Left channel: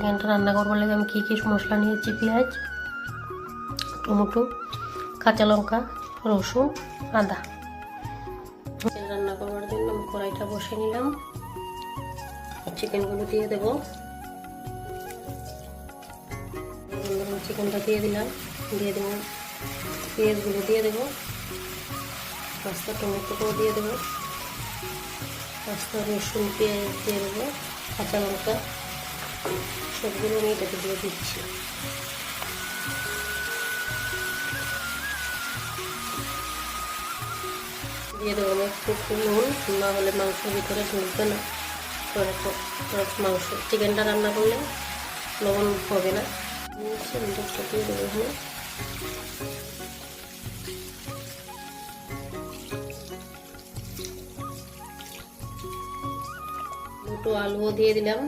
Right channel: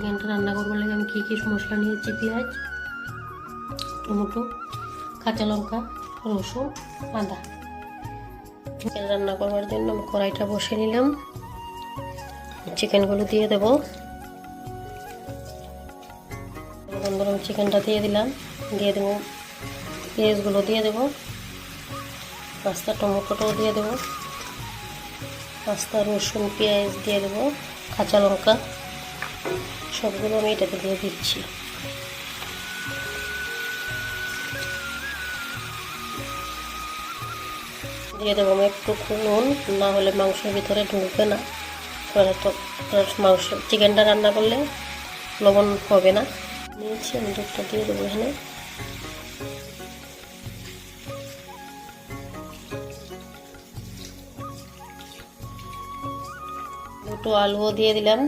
চিকেনটা রান্না করবার লাগে আমি কী কী মশলা নিয়েছি: পেঁয়াজ, টমেটো, কাঁচা লঙ্কা, রসুন, আদা। চিকেন রান্না করবার জন্য আমি কড়াইটা বসে নিলাম। চিকেনগুলো দিয়ে দেবো। চিকেনটা দিয়ে দিলাম, দিয়ে দেবো পেঁয়াজগুলো দিয়ে দেবো, পাঁচটা টমেটোটাও দিয়ে দেবো, পাঁচটা রসুন পেঁয়াজ দিয়ে দেবো, কাঁচা লঙ্কা, সবগুলো আমি এটাকে দিয়ে দিচ্ছি। দিয়ে দেবো আমি একটু নুন, না হলে মাংসের ভিতরে ঢুকবে না। মাংস চিকেনটা রান্না করলে লবণ হবে না। নিয়েছি আমি দুধটা দিয়ে দেবো এখানে। দুটো আলুও দিয়ে দিলাম।